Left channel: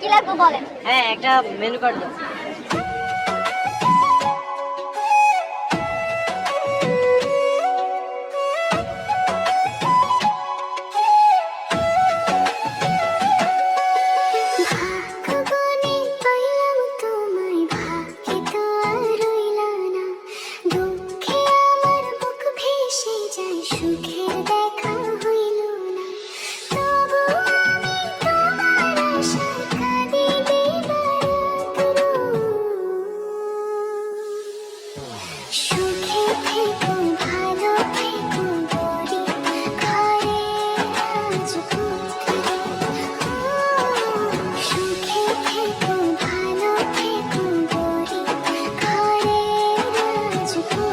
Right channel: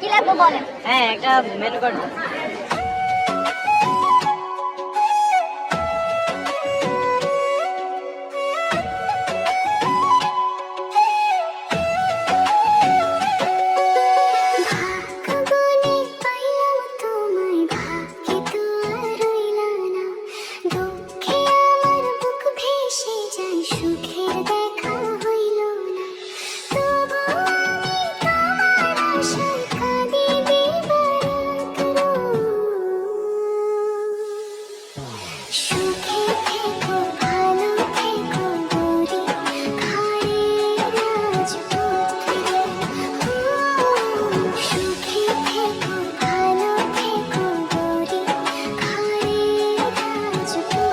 কি লাগবে বলেন? হ্যাঁ, একটা মেনু কার্ড দাও। ভাগ্যগুনে পাইলাম তোমায়, ভাগ্যে তো আর রইলা না। দুঃখে আমার বুক ভেসে যায়, সুখের দেখা হইল না। তবু আমি তোমার আশায় কাঁদি দিবারাত্র। সুখে থেকো, ভালো থেকো গরিব ঘরের রাজপুত্র। সুখে থেকো, ভালো থেকো গরিব ঘরের রাজপুত্র।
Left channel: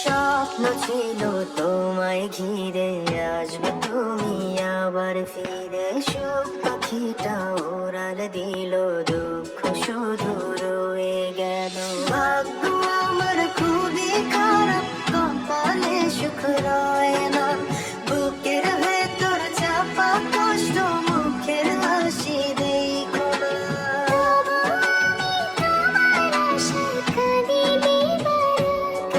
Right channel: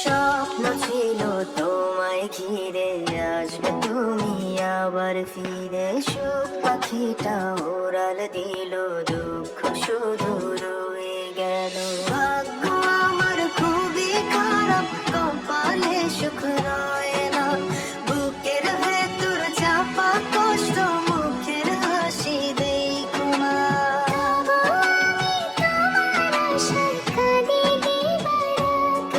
স্বপ্ন ছিল তোমায় ঘিরে, আসবে তুমি আবার ফিরে। সুখ পাখিটা ওড়াল দিল, দুঃখ শুধু রয়ে গেল। ভাগ্য আমার খুবই খারাপ, কপালে সুখ রয় না। বুকের ভেতর চাপা কষ্ট, মুখের হাসি দেখো না। তোমার আশায় কাঁদি দিবারাত্র।